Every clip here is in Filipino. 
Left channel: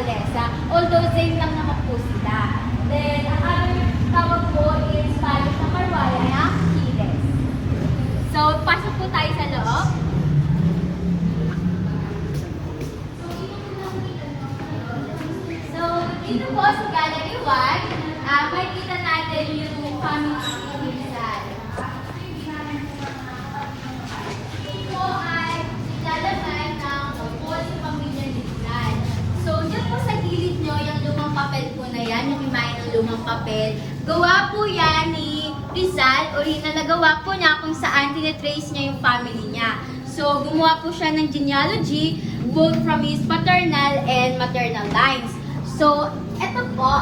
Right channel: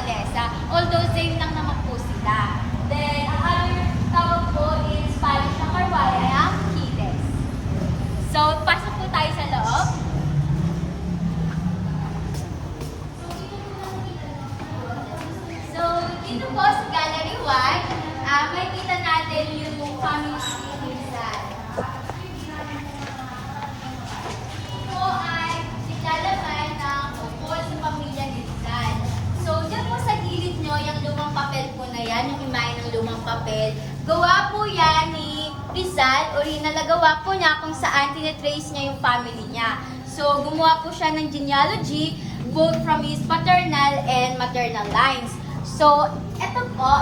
Malesa. Although same lang naman po sila. Then, ang other tawag po in Spanish na Carwaya ay ang Chiles. So, pasok po tayo sa loob. So, dito po sa Gallery 1, makikita natin yung family ni Rizal. Ito po ay siklalaman ng tungkol sa pamilya ni Rizal. So, dyan po sa gilid nyo, yung lumang papel po na yan, yung imahe ng lumang papel, gawa po yan ni Rizal, original na gawa po niya kung saan tinitrace niya yung family niya. So, gumawa po siya ng genealogy, both from his paternal and maternal lines. So, ito po,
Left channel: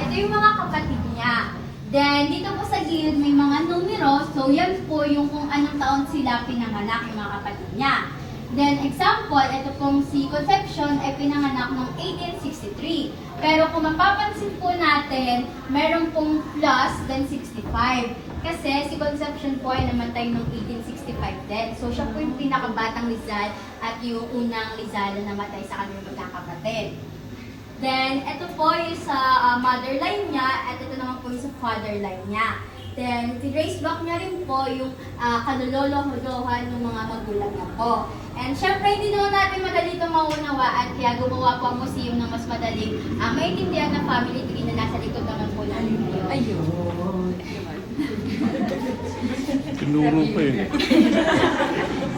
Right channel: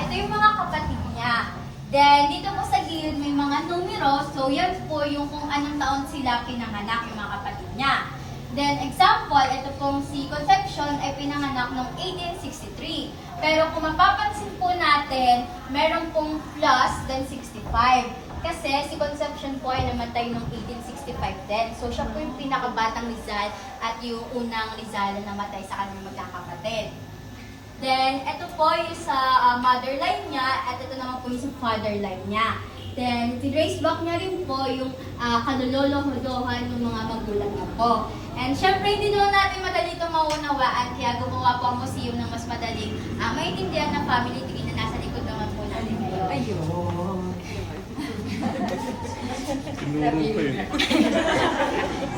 ito yung mga kapatid niya. Then, dito po sa gilid may mga numero. So, yan po yung kung anong taon sila pinanganak yung mga kapatid niya. Then, example, ito pong si Concepcion ay pinanganak noong 1863. Pero kung mapapansin po natin, meron pong plus than 65. Kasi si Concepcion po ay namatay noong 1865 din. So, siya po yung pinakabatang Rizal at yung unang Rizal na namatay sa kanilang magkakapatid. Then, ito po yung sa mother line niya at ito naman po yung sa father line niya. Then, trace back niya rin po yung kalulolo-huluhan ng mga magulang niya po. And syempre, hindi naman natin madali itong maunawaan kaya gumawa po ang museum ng mas madaling maintindihan ng family tree na nasa likod naman po natin ngayon. Ayun. Tinuro pa eh.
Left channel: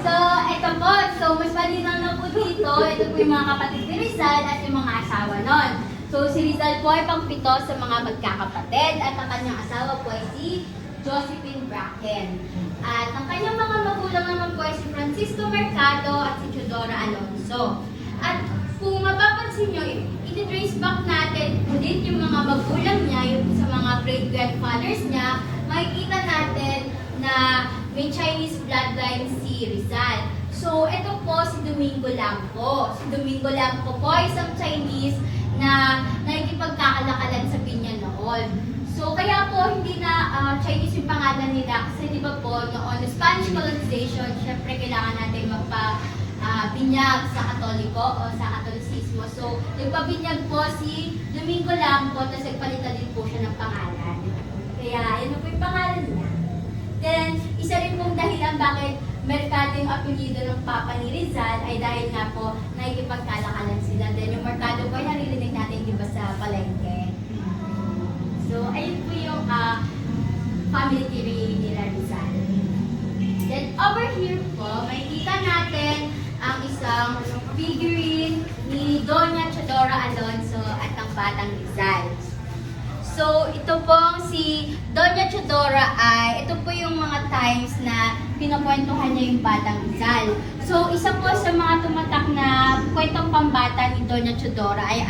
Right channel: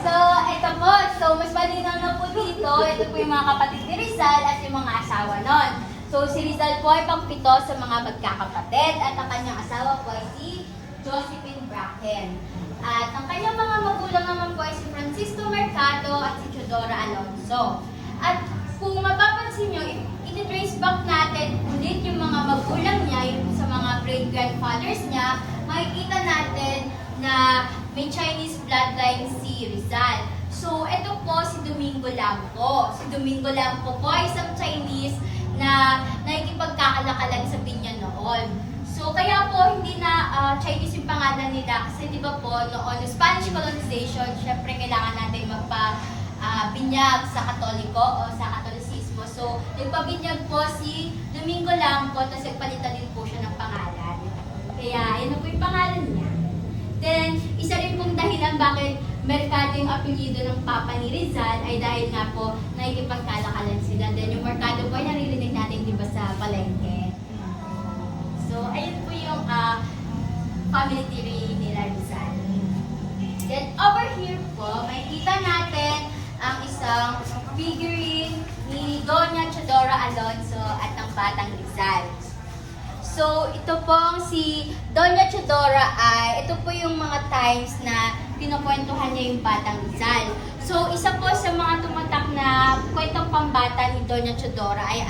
So, ito po. So, mas malinaw na po dito. Ito po yung mga kapatid ni Rizal at yung mga asawa nun. So, si Rizal po ay pang-pito sa mga magkakapatid at ang kanyang asawa po ay si Josephine Bracken. At ang kanyang mga magulang naman po ay si Francisco Mercado at si Teodora Alonso. At kung mapapansin nyo, i-trace back natin ulit yung mga magulang niya, yung sa mga great-grandfathers niya, makikita natin na may Chinese bloodline si Rizal. So, ito po si Domingo Lampo. Si Domingo Lampo po ay isang Chinese na nakikipagkakalakalan sa Piña noon. So, kaya po hindi na Chinese yung pangalan nila kasi di ba po noon Spanish colonization, syempre kailangan natin magpa-binyag sa Katoliko o sa Katolisismo. So, nagpabinyag po si Domingo Lampo tapos nagpalitan din po siya ng pangalan. Kaya, yun na po yung pangalan niya. Then, isa rin pong dahilan bakit Mercado yung apelyido ng Papa ni Rizal ay dahil nga po nakikipagkalakalan sila. Then, yung Mercado po ay naririnig natin di ba sa palengke. So, ayun po yung family tree ni Rizal. Then, over here po, makikita natin ang isang figurine ni Doña Teodora Alonso at ang Batang Rizal. So, ito pong si Doña Teodora ito po yung mga times na pinakwentuhan niya yung Batang Rizal. So, isa po sa mga tumatak na kwentong pambata ni Doña Teodora ay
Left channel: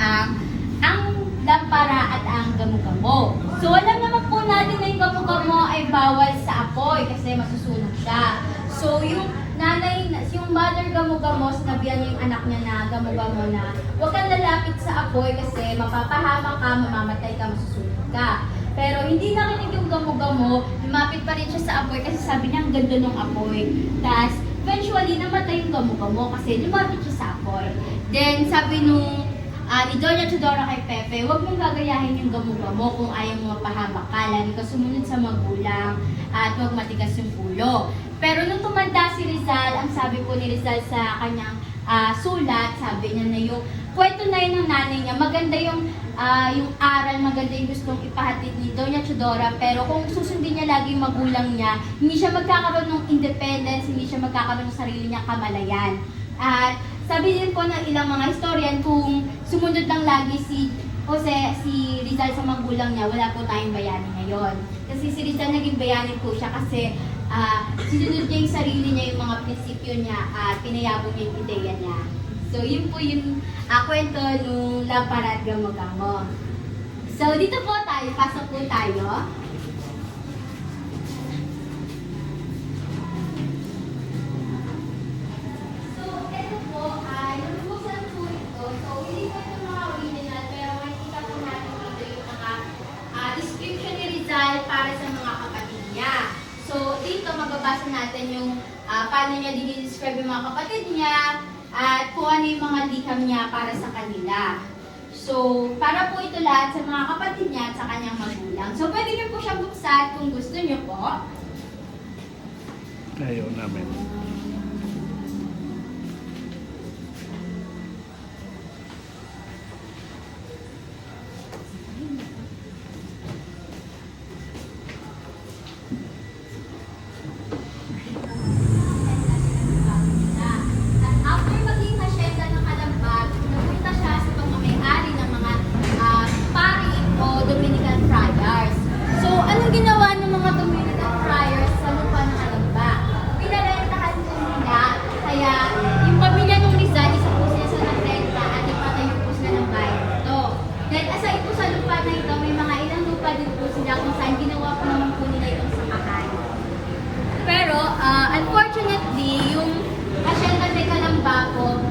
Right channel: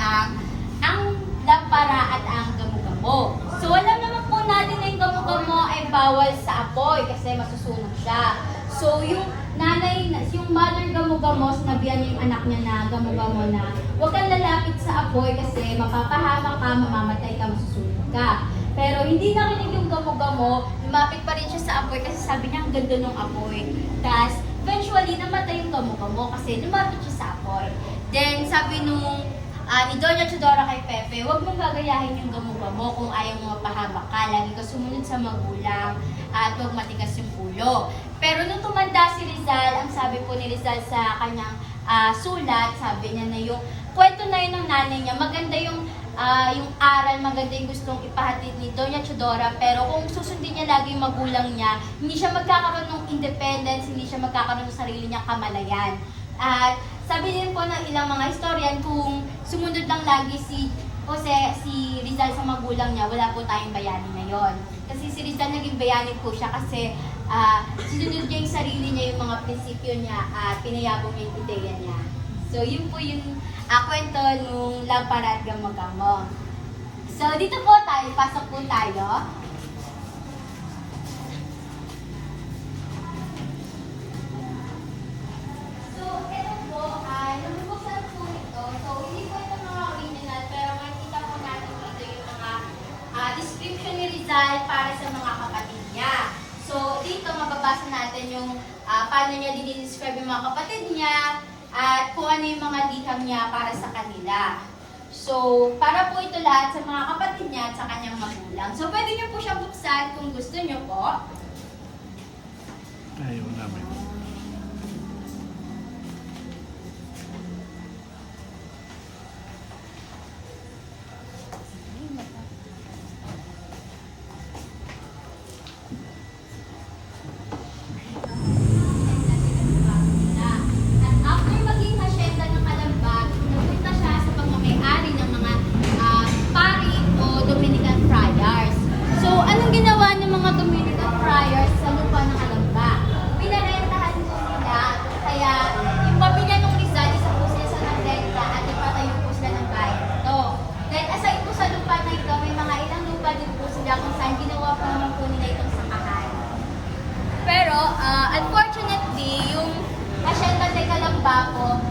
ang lampara at ang gamo-gamo. So, alam naman po natin na yung gamo-gamo ay bawal sa apoy kasi masusunog siya. So, yung mother gamo-gamo, sinabihan yung anak niya na gamo-gamo na huwag kang lalapit sa apoy kasi mapapahama ka, mamamatay ka, masusunog ka. Pero hindi nakinig yung gamo-gamo, lumapit pa rin siya sa apoy kasi sabi niya ang ganda ng apoy. Tapos, eventually, namatay yung gamo-gamo kasi lumapit siya sa apoy. Then, sabi ni Doña Teodora kay Pepe, huwag mong gagayahin yung gamo-gamo kung ayaw mo mapahaba ka. Lagi ka sumunod sa magulang at huwag matigas yung ulo. Pero nung tumanda si Rizal, ang sabi po ni Rizal sa kanyang sulat, sabi niya na yung kwento na yun ng nanay niya, maganda yung aral, maganda yung gustong ipahatid ni Doña Teodora, pero kung susundin niya lagi yung magulang niya, hindi siya magkakaroon ng independence, hindi siya magkakaroon ng sarili niya kamalayan. At sabi din po ng ilang mga historian, kung sumunod lang lagi si Rizal sa magulang niya, wala po tayong bayani ngayon. Kasi si Rizal naging bayani po siya kasi sinunod niya yung sarili niya, yung mga prinsipyo niya, at pinayabong yung ideya niya. So, yun po yung kwento nung lampara at gamo-gamo. So, dito po tayo, pasok po tayo. So, ito po ay, nabubuksan po ito. So, hindi po ito mga original, pero makikita po natin dito yung mga description ni Rizal para sa mga kapatid niya. So, dito mababasa natin yung paano niya dinidescribe yung mga kapatid niya at kung ano yung mga liham niya para sa kanila. So, para po ito lahat sa mga kapatid niya at sa kanyang magulang. So, pwede niyo po siyang buksan kung gusto niyo po. Ayaw namin. At after maging hasyenda ng Kalambag, pumunta siya sa pagmamayari ng mga pari o Dominican friars. So, anong ginawa ng mga Dominican friars sa lupa ng Kalambag? Pinarentahan po nila, kaya yung pamilya ng Rizal, isa po sila sa nagrenta at nagpatayo po sila ng bayan ito. Then, aside po sa lupa na ito, may mga ilang lupa din po sila kung saan ginawa po naman po nila itong sakahan. Pero, unfortunately, yung asyenda de Calambao,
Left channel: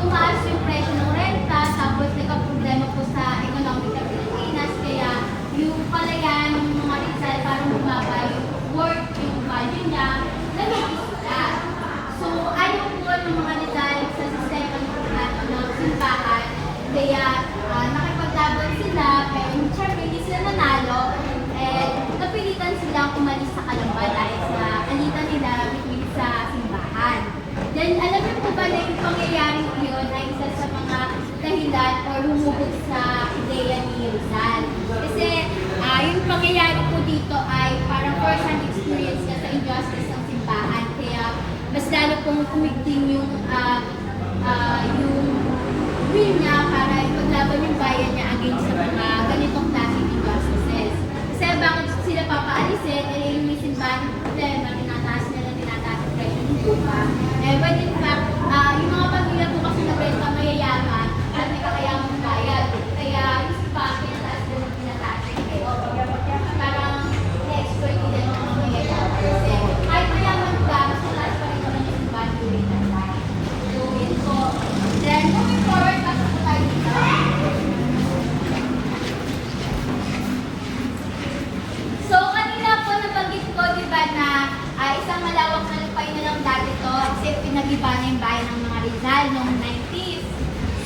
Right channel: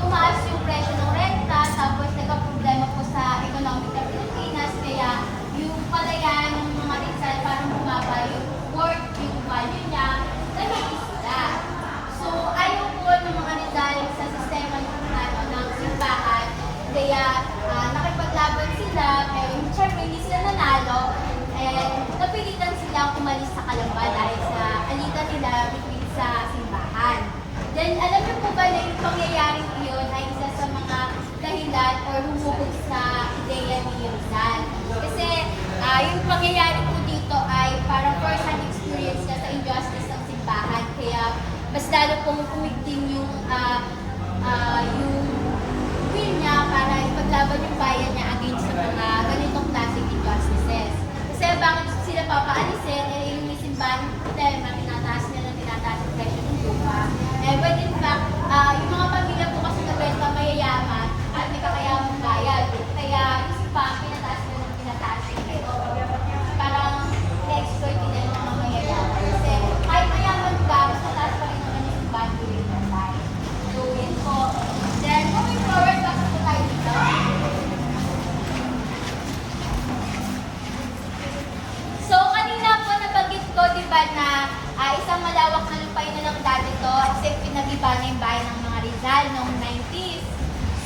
tumaas yung presyo ng renta, tapos nagka-problema po sa economic ng Pilipinas, kaya yung palayan ng mga Rizal parang bumaba yung worth, yung value niya, nag-iisa. So, ayaw po ng mga Rizal sa sistema ng simbahan, kaya nakipaglaban sila, pero syempre hindi sila nanalo, napilitan silang umalis sa Calamba dahil sa alitan nila between sa simbahan. Then, alam niyo po ba na yung pangyayaring iyon ay isa sa mga dahilan o lumubog sa ideya ni Rizal? Kasi yung pangyayari po dito ay parang first-hand experience niya sa injustice ng simbahan. Kaya mas lalo pong kumigting yung will niya para ipaglaban yung bayan niya against sa mga ganitong klaseng injustices. Kasi bakit sila papaalisin, yung may simbahan yung problema, tinataas nila ang presyo ng lupa. But in fact, yung mga pamilya po kasi na benta mayayaman at may kakayamang bayad. Kaya yung simbahan, pinataas nila ng pinataas nila. Parang na-exploit nila ng mga mayayaman. Kasi kahit mayaman ka, mas mataas pa rin naman yung simbahan yung pinataas. So, yun po. Then, moving forward, pasok po tayo dito. So, kanina po nabanggit ko, di ba, na isang malawak na lupay na lang dati to kasi pinagiba na yung bayan ng mga Rizal noong 90s.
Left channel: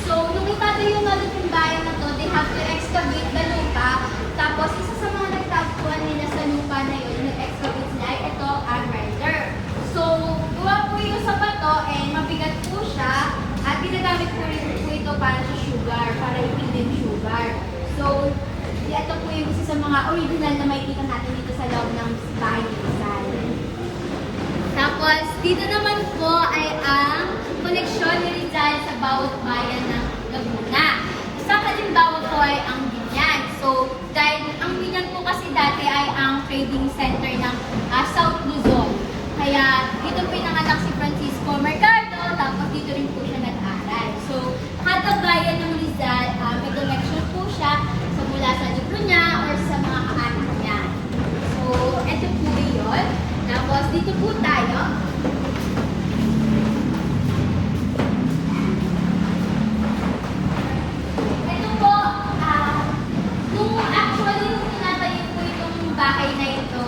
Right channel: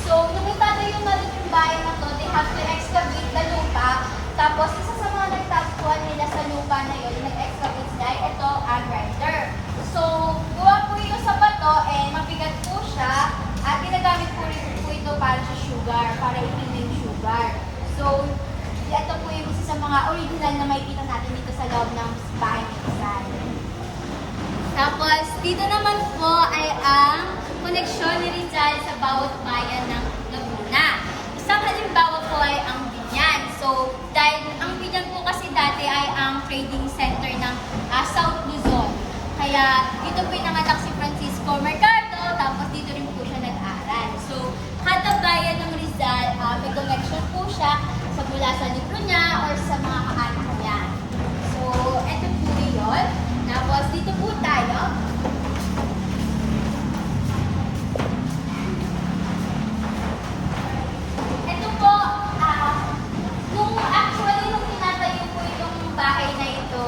So, nung itatayo nga yung bayan na to, they have to excavate the lupa. Tapos, isa sa mga nagtagpuan nila sa lupa na yun, nag-excavate sila, ay ito, a grinder. So, gawa po yun sa bato, mabigat po siya, at ginagamit po rin po ito para sa sugar, para yung hidden sugar. So, ito po yung isa sa mga original na makikita natin dito sa loob ng bahay ni Rizal. Tapos, dito naman po ay ang koneksyon ni Rizal sa bawat bayan ng Laguna. Isang halimbawa po ay ang Binyan. So, dahil ang Binyan po kasi dati ay ang trading center ng South Luzon. Kaya, dito po inanganak si Francisco Mercado, tapos dito rin po siya nag-aral. So, kada bayan ng Rizal, may connection po siya mula sa libro niya or sa mga kaanak niya. So, ito po yun. Tapos, dito po tayo. Ito po, nung tinatayo po itong bahay na ito,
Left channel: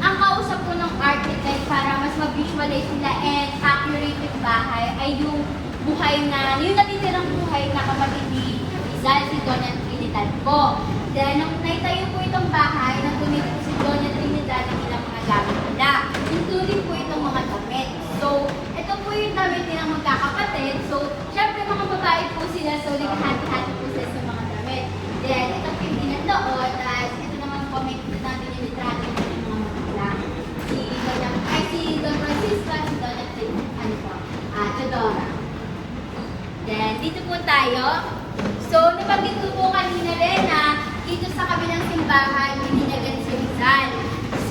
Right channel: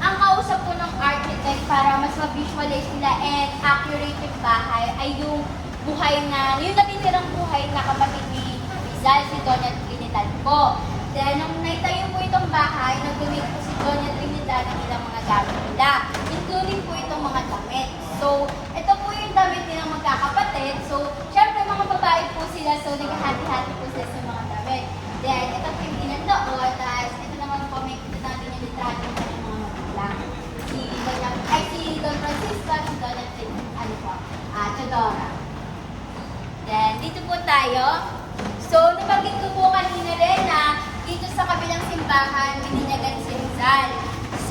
ang kausap po ng architect para mas mag-visualize nila and accurate yung bahay ay yung buhay na, yung natitirang buhay na kapatid ni Rizal, si Doña Trinidad po. Then, nung naitayo po itong bahay, nagpunit po si Doña Trinidad ng ilang mga gamit nila. Including po itong mga damit. So, ito po yung damit nilang magkakapatid. So, syempre mga babae po sila, so naghahati-hati po sila sa mga damit. Then, ito po yung dinandaon, at ito naman po may natin yung litrato ng mga magulang. Si Don Francisco, si Doña Teodora. Then, dito po tayo. So, nabanggit ko po kanina rin na dito sa kabilang simbahan, bininyagan si Rizal.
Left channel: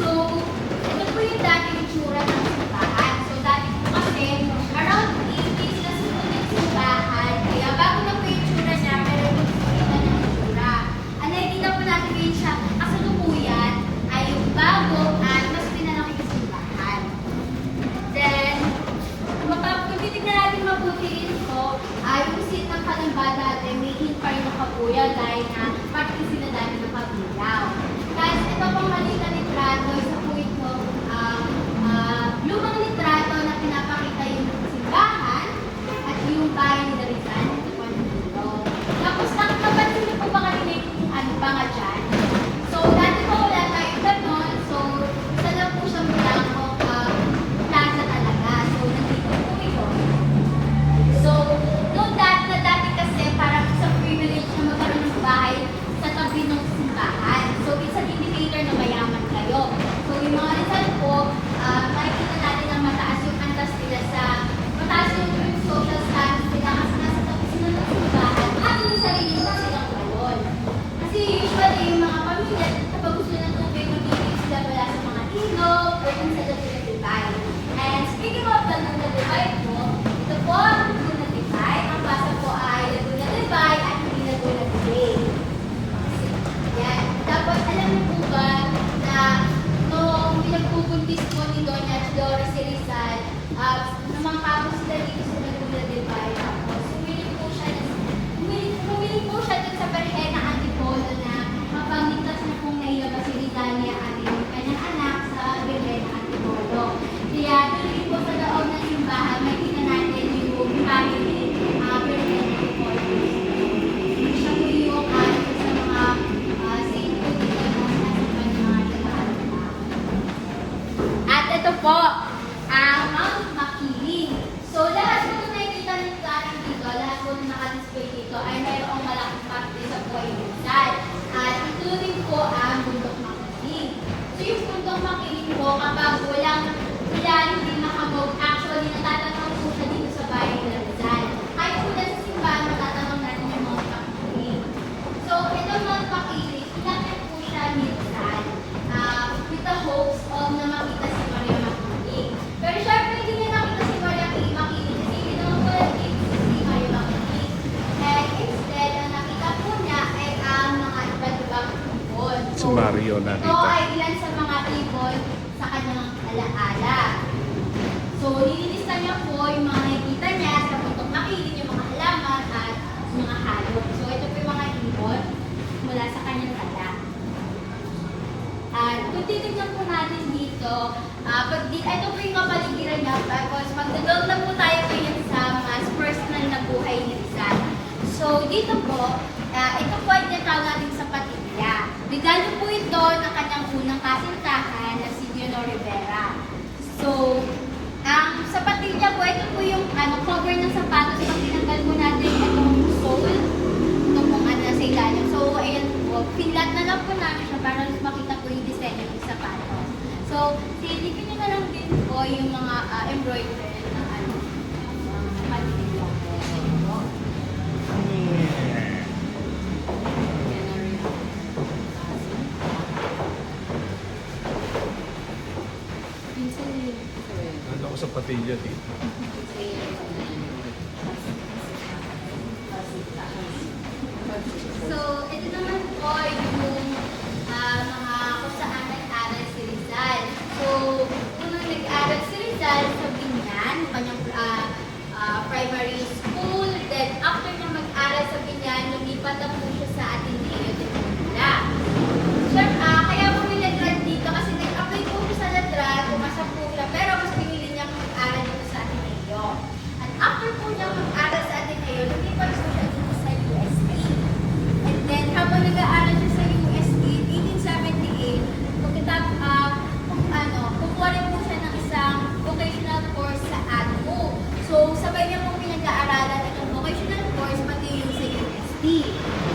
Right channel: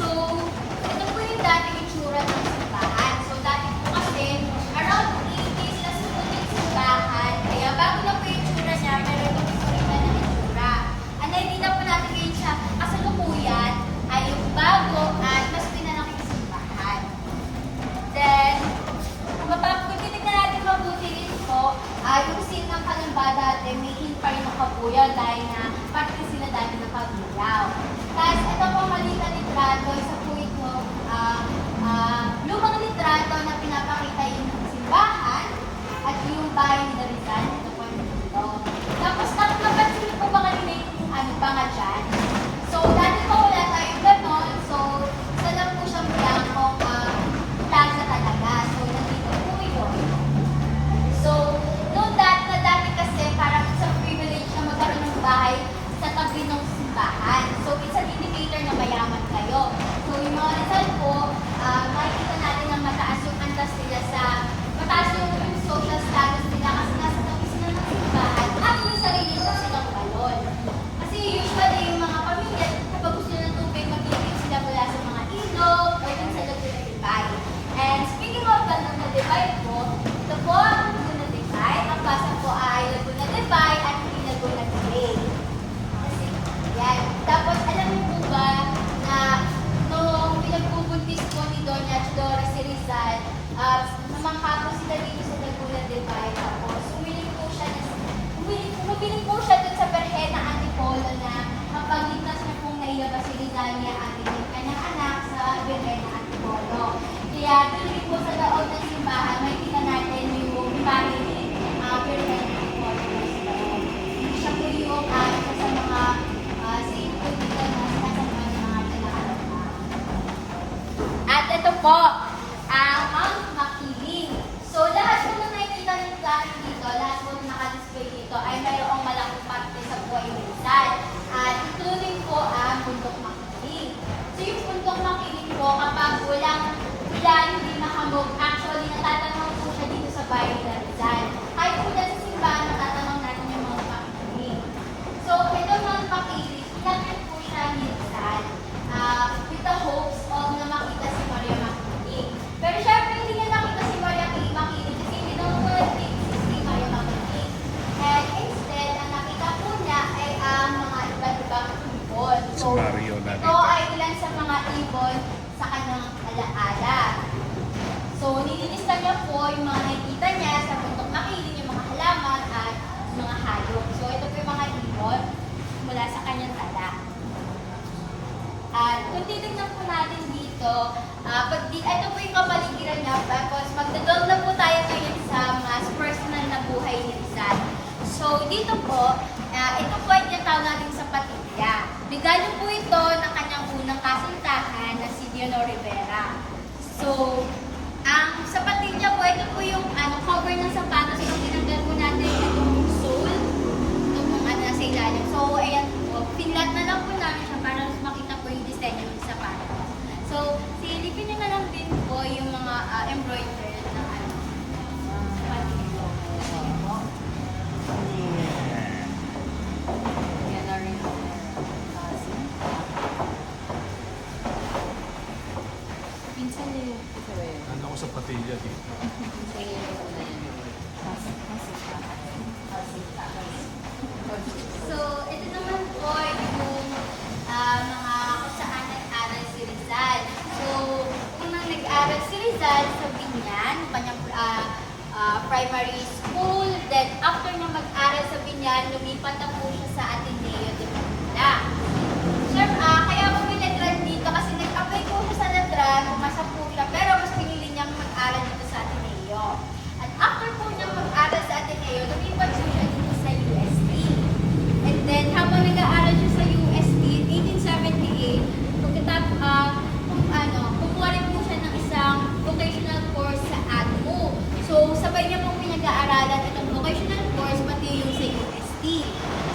So, ito po yung dati yung tsura ng simbahan. So, dati po kasi, around 80s na sumunod simbahan. Kaya bago na po yung tsura niya, pero yung tsura na yung tsura. Ang nakikita po natin ngayon siya, kasalukuyan ay yung bago at mas pinalaki yung simbahan. Then, kung titignan natin mabuti dito, yung scene ng Kalamba dati, may hint pa rin ng kabuyaw dahil na parte sila dati ng kabuyaw. Tapos ito pong maliit na litrato, isa po ito, lumang litrato na pinapakita yung simbahan at yung bahay ni Rizal, ito po yung dito. Tapos So, dati po wala tayong ganon. So, isa lang po siyang blanco plaza talaga. So, nandito po yun. So, noong dati kasi parang sa privilege na magkaroon ng bahay sa tabi ng simbahan. So, it's an indicator na mayaman kayo. So, yung mga Rizal po, makikita natin na mataas yung antas nila sa mataas yung social status nila kasi nasa tabi sila ng simbahan. Ang yung sarili mo silang balon. Kasi usually yung mga pamilya, kapag gusto nila ng tubig, mag-iinig sila mula sa mga ilog o dun sa Laguna de Bay. And speaking of the Laguna de Bay po, ito po ang Laguna de Bay. Ang basa po ay Laguna de Bay at hindi Laguna de Bay. Yan. Dapat alam niyo po ba na noong pinagpupuntis po ni Doña Flora si Rizal, namangha po sila dito sa Laguna de Bay. Tapos bumili po siya dun sa Berhena Antipolo na mapamitas na kung nailabas si Rizal niya ating kanyang anak sa Berhena Antipolo. Kaya dito po sa loob ng simbahan, makikita natin yung family Berhena Antipolo. Siya po yung sa mga saint po dito na nasa mga nag-aalala. At ito po, ang Mount Makiling. So, lahat po na nakikita ng kanin dito, lahat po na nakadisplay dito ay mayroong malaking parte sa buhay ng Rizal. At including po ang Bundok Makiling. So, yung Bundok Makiling po, kapag walang ilan, hindi nakabog, actually natatanong po siya dito sa bahay ng Rizal. Kahit po na sa simbahan, natatanong natin yung mga Makiling. So, ito yung Mount Makiling, pinakit po siya ni Rizal. With the hopes of na makita si Maria Makiling. Pero syempre, hindi niya nakita si Maria Makiling kasi kinukulat si Maria Makiling. And instead, ang nakita po niya ay ang mga iba't-ibang ibon. Si Mario Ito nakita. ay ilan sa mga ibon sa kanyang alaala. So, nililista niya po yung mga nakikita niya sa Bundok Makiling, yung mga halaman at mga hayop. So, ito po yung mga ibon mula sa kanyang tala. At kung titignan po natin dito, ito po yung kapaligiran niya, tapos magdadawag lang po tayo ngayon sa mga personal na buhay ni Rizal. So, dito po, ito po ay tinatawag natin sa Patilla. Regalo po ito ng kanyang unang kasintahan na si Leonor Rivera. So, sa Patilla po, ito po yung cover ng sapatos na pinagdal mo natin yung sole. Ito po nga nasa ilalim. So, ayan po, pinlat na lang po namin siya para makita po yung design ng sapatos. So, silipin nyo na lang din po yung mga embroidery na Patilla. Ayan po. Ano ko sa Patilla dito? So, ito naman po yung mga kung saan nag-aral si Rizal. So, kung nag-aral si Rizal sa Binyan, kanyang primary school, then after na mag-aral sa Binyan, lumipat na po siya sa Ateneo de Manila. Sure, kaya po pinag-grad dito kasi nag-apply po sa Ladran, pumasa po siya, pero mas pinili niya mag-aral dito sa Ateneo. At after po niya mag-aral sa Ateneo, lumipat po siya dito sa USP. And then, habang nag-aaral siya sa USP, 1878, kukuha rin po siya ng isang vocational course sa ADMO. So, sabay niya pong pinag-aaralan itong vocational course, pati yung sa UST.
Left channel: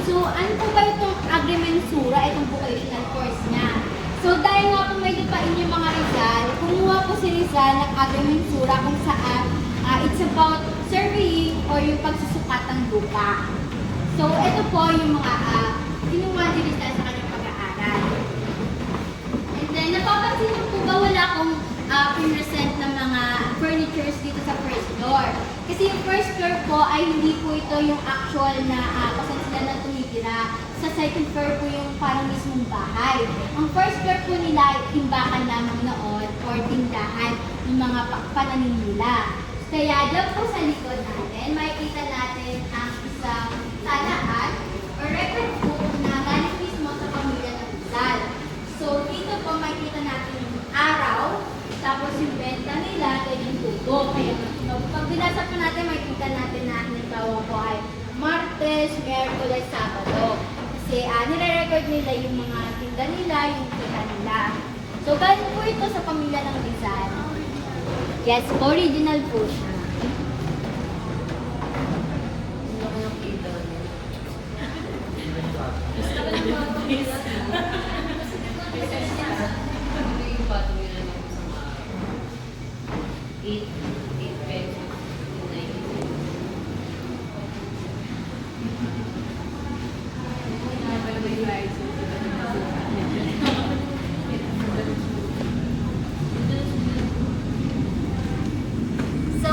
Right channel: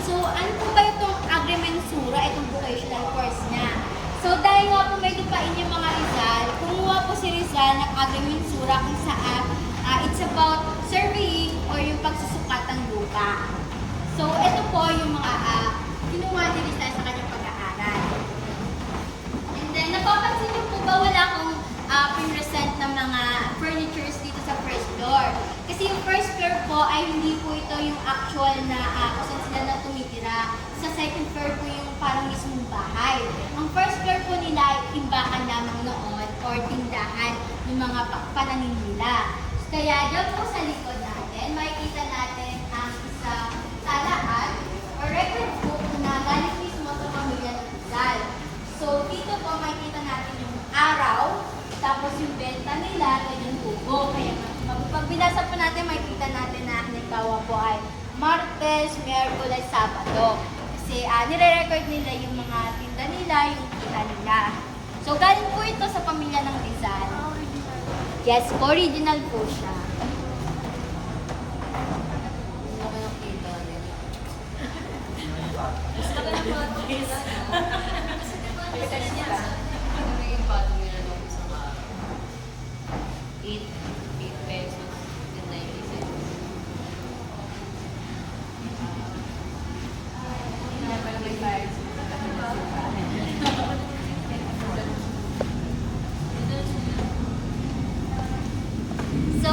So, ano po ba itong agrimensura, itong vocational course niya? So, dahil nga po may lupain yung mga Rizal, kumuha po si Rizal ng agrimensura kung saan it's about surveying or yung pagsusukat ng lupa. So, ito po yung mga kinuha ni Rizal sa kanyang pag-aaral. And then, napapansin niyo po ba wala akong pinresent ng mga furnitures dito sa first floor? Kasi yung first floor po ay hindi po ito yung actual na kung saan sila na tumitira. Sa second floor po yung parang mismong bahay. Ang first floor po nila ay timbakan lamang noon or tindahan ng mga pananim nila. Kaya dyan po sa likod natin, makikita natin ang isang talaan or record book na galing mismo sa pamilya ng Rizal. So, dito po makikita natin yung araw, tapos yung benta nila, at yung tubo. Kaya pag binasa po natin, makikita natin na halimbawa po ay Martes, Miyerkules, Sabado. Kasi nire-record nila yung mga tinda nila, yung kita nila. So galing po ito sa pamilya ng Rizal. Yes, original po siya. So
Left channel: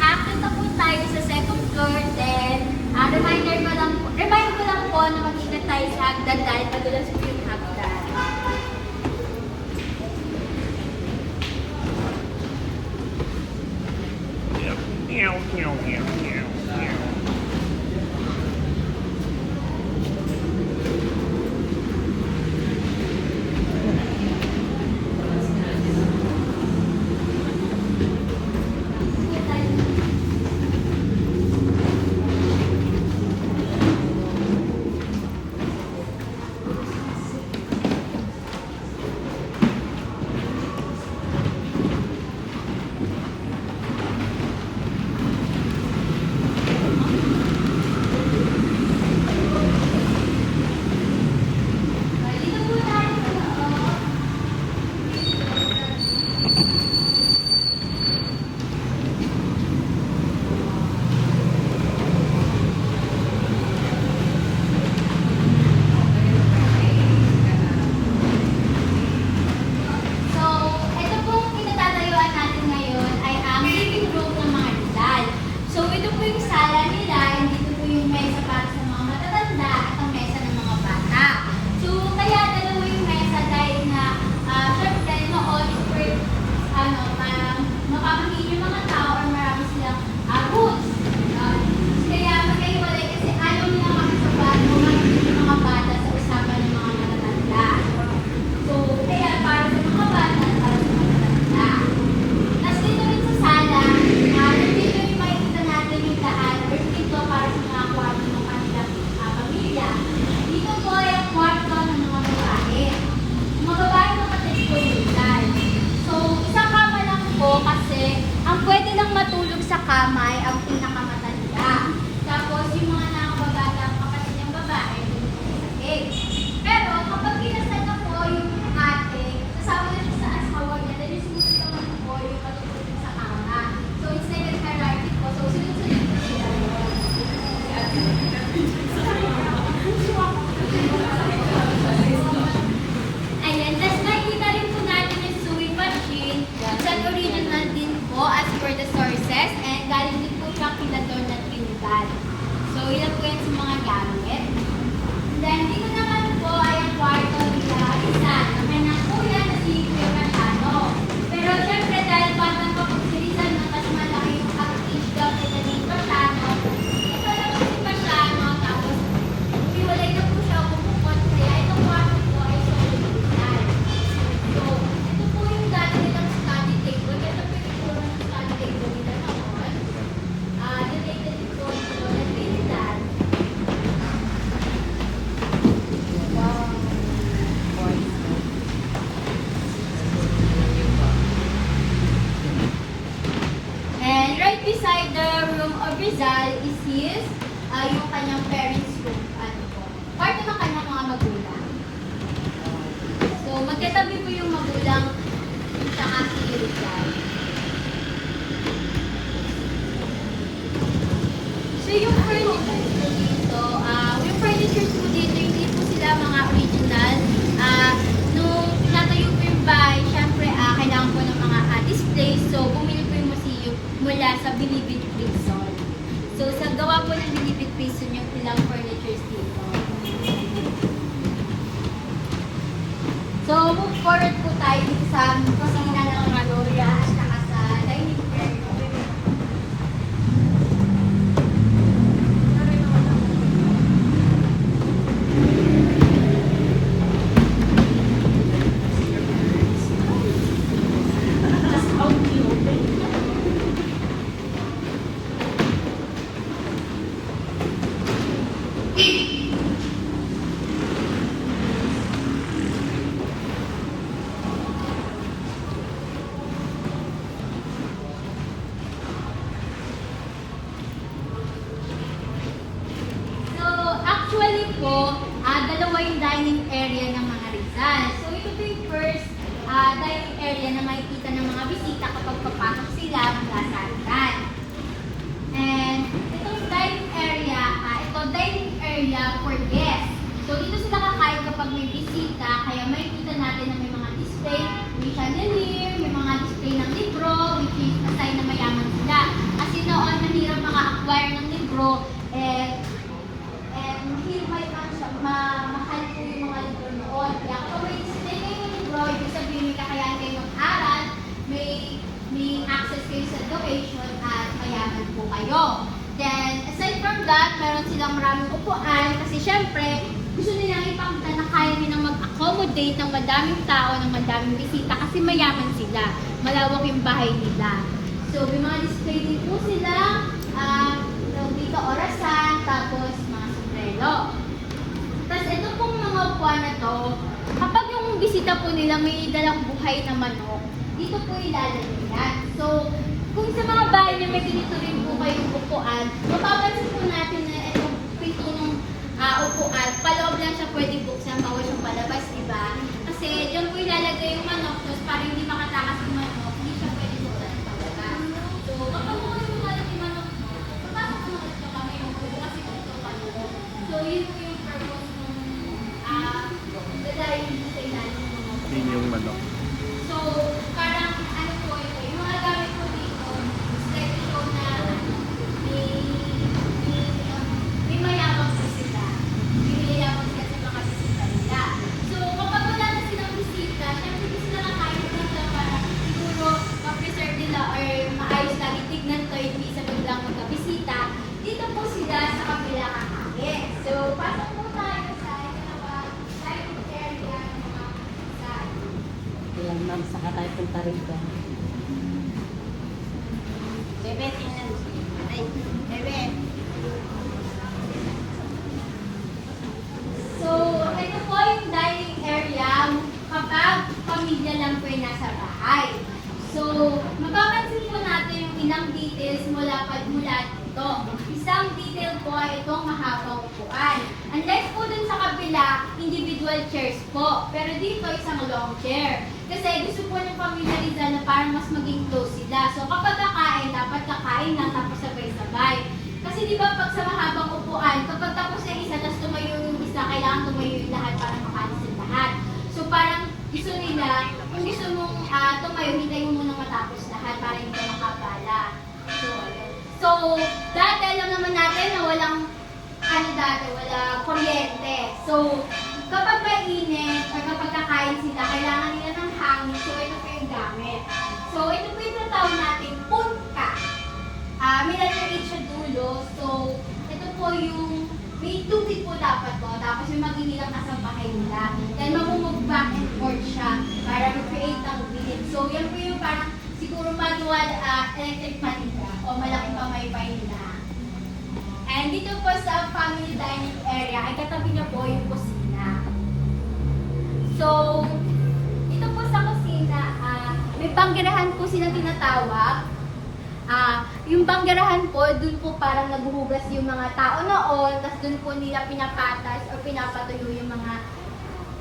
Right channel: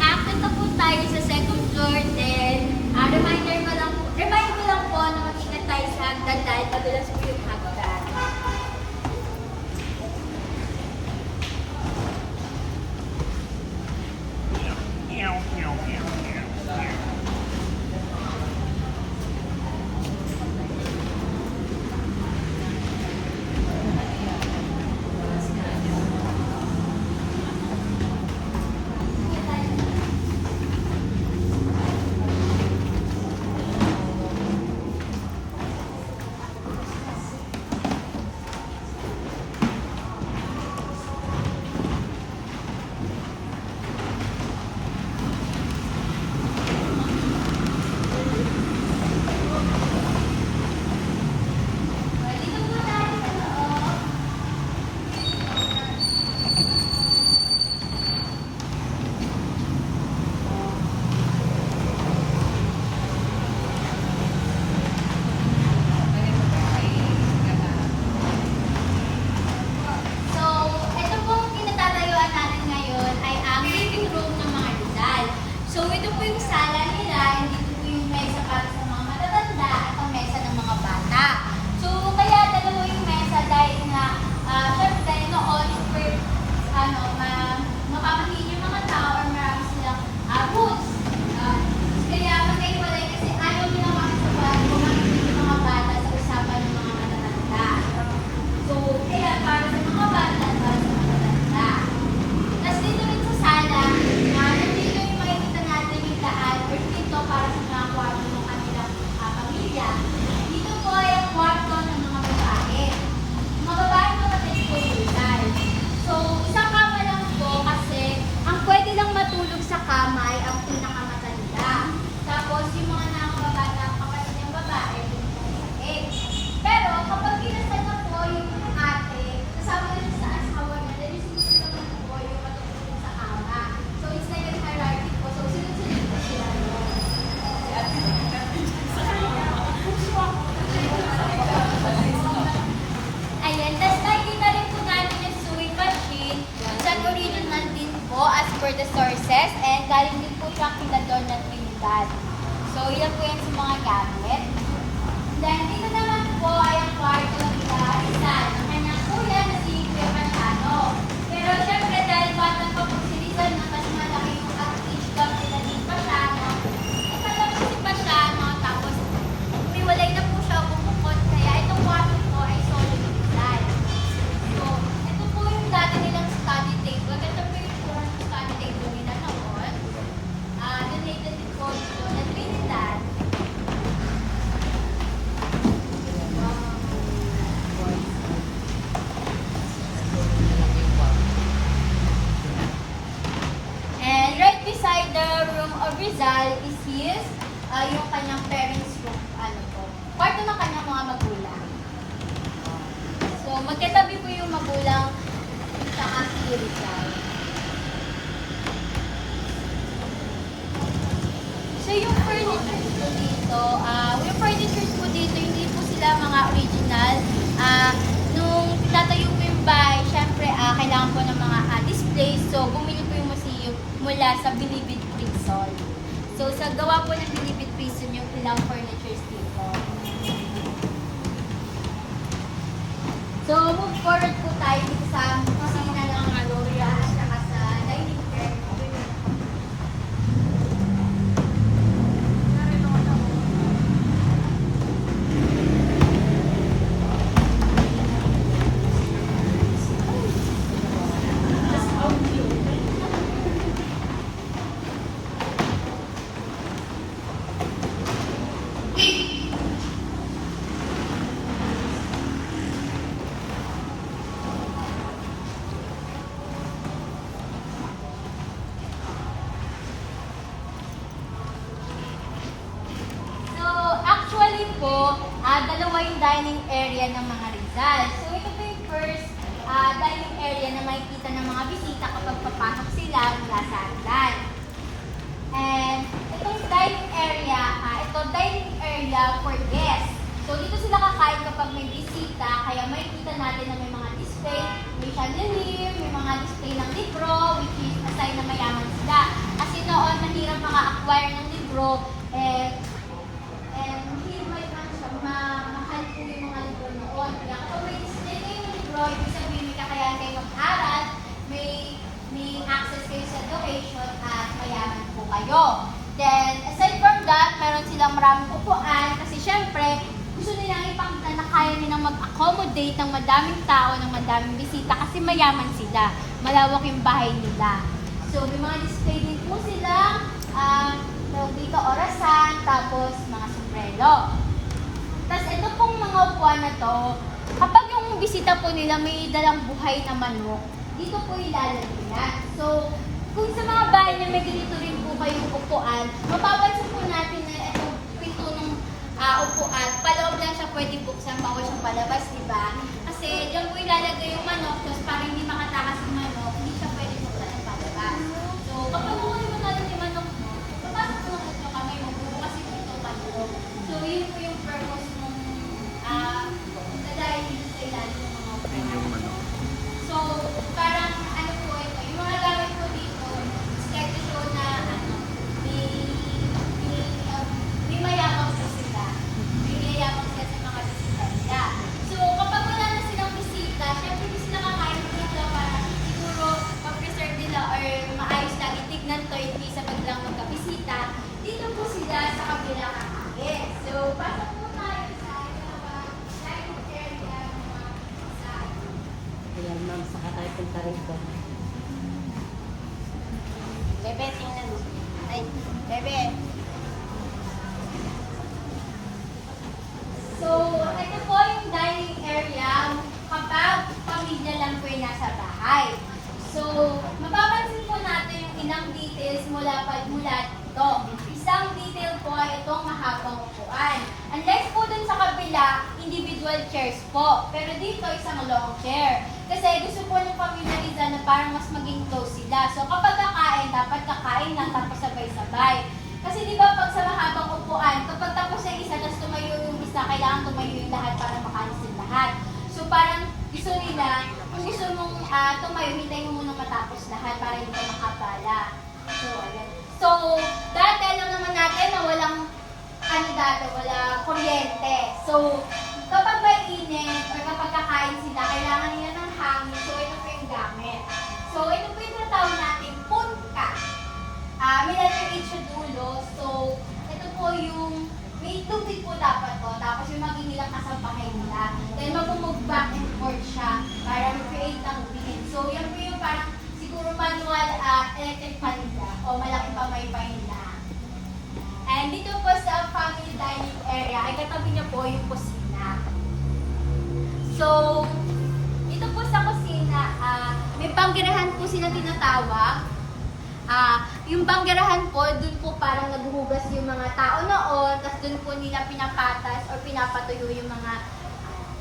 after na po tayo sa second floor, then remind ko lang po na mag-ingat tayo sa hagdan dahil madulas po yung hagdan. Dito po tayo sa loob. So, ito po pinatatayuan natin ngayon ay ang living room ng mga Rizal. So, ito po yung sala nila, dito po yung mesa para sa mga matatanda at ang mesa ng mga bata. So, kaya dalawa yung mesa dahil na, syempre, noon, mapapahili yung mga tao at marami silang roots. Kaya magkahiwalay kasi ayaw nila makasabay yung mga bata sa usapan ng mga matatanda. So, kaya para sa mga bata at para sa mga matatanda. Tapos dito rin sa sala, dito yung makikita natin yung daan or dito para sa mga kwarto ng kanilang pamilya. Dito po ay ang kwarto ng mga babae. Yung mga babae kapatid po yung Rizal. So, isang kama lang po kasi ang pwede nang matulog sa kama ay ang pinakamatanda. Tapos yung mga nakababata ang kapatid ng babae, yung mga pero kapag kinasal na po yung ate, kasama na siya sa asaway, dahil sinusunod naman po yung katulog sa kama. So, it's like a hierarchy po. So, sunod-sunod na siya. Ayan, tapos nakikita rin po natin yung sewing machine. It's an original din po as per the sources and dahil din po siya kinador na tintal. So, ilan po yan sa mga gamit. Then, dito naman po ay ang kwarto nila isa. Ang kanyang kuya na si Kuya Machado. Pero syempre, dahil batang pa po si Rizal na mas malaki yung age gap nila din Machado, kaya kasi pa siya, mga tapos, umiwalay na po siya bumukod. Kaya itong kwarto po ay solid Rizal. So, ito po yung dati nilang study table. Ito po yung turong study table nila noon. Donated din po yung Rizal. And right beside the room of Rizal is his, yung kanyang parents' room. Ano po? Kwarto ng kanyang mga magulang. So, magkatabi po yung magulang sa si Rizal. So, yung furniture po dito, hindi po sila mga original. Nung natayo po yung bahay, syempre, kailangan po ng mga displays. So, bumili po yung museum mula sa Bilibid Prison. So, sa actually po, dalawa yung dining area ng mga Rizal. So ito po yung first dining area na makikita ng mga bisita kapag papasok sila mula sa hagdan. And itong dining area, dining area for guests. So dito sila kakain kapag may bisita, kaya makikita natin na may mga display, may chandelier, may mga display ng libro, which is a sign na mayaman sila. Kasi noon, mahirap maka-acquire ng libro, mahal po yung mga libro noon. Kaya kapag may display kayo ng libro, ibig sabihin may kakayahan kayo mag-aral, may access kayo sa education, at mayaman po kayo. Then, aside from that, meron silang maraming upuan kasi syempre, gusto nilang ipakita na kaya nilang mag-accommodate ng madaming tao, ng madaming bisita kasi mayaman sila. Malawak yung bahay nila. So, may mga display din po sila, dito orasan, tapos mga sombrero. Tapos ito pong mga upuan na to, kapag yung bisita po nila may dalang buhay na manok, dito po ilalagyan. So, kung sa mga bahay na may ganito rin po kayong upuan, mapapansin po natin na itong pinto ng upuan, paloob lang siya pwede buksan, bawal siyang palabas, diba? Kasi dyan po ilalagay yung manok, tapos para hindi makatakas yung manok, hindi siya pwede buksan ng palabas. So, kapag mo yung makalat yung manok, papasok mo natin yung kamay mo, kasi dito manok. So, yun po yung purpose ng dadayin dito sa ilalim ng mga upuan. Yun yung manok. So, parang ano po ito, yung mga gamit po dito, it's like to show na may mayabang po sila. May mayabang sila sa mga bisita nila. So, kapag wala na silang bisita, syempre hindi sila kakain po nila para siguro ma-preserve nila or maayos lagi tignan to, hindi sa biglang magkabisita. Dito po sila sa kabila kakain. So, pasok po tayo sa dining area ng mga bisita. Bebe, tingnan. Ay, bebe. So, ito po yung dining area kapag pamilya lang po yung nasa bahay. So, mapapansin po natin yung ilang details mula dito. Isang detail po ay itong mahabang upuan. Unless po dun sa kabila, individual chairs po. Pero dito, isang long chair. Kasi gusto po ng pamilya Rizal na parang mas maging close sila. So kapag kakain, dapat kakain na tapos sabay-sabay. Kasi di ba pag sa mahabang upuan, kapag tapos sa isa, tapos tumayo yung isa, kailangan tumayo yung lahat para makalis yung lahat. So parang gusto nila, kung gusto mong tumayo, hintayin mo muna matapos lahat para hindi ka makapala. So, dati alam naman natin na walang walang kuryente. So, kapag mainit, or kapag kakain sila, kailangan nila ng hangin. So, ito po yung gamit. So, ito po yung tinatawag natin, punka. May lalagay siya dulo. So, ito po yung, may tubig po dapat to. Tapos yung maginilang kasampahin nila. Then, mamumove back and forth siya para create ang wind. So, yan po yung parang, siguro manual electric fan o malaking pamaypay na. And dito po sa family dining area, ay katabi niya po yung kusina. So, dito po sa kusina, may banggerahan po sila tinatawag. Yung banggerahan po, dun po parang naghuhugas yung mga tao noon, tapos dun po nila pinapatas o pinapatuyo yung mga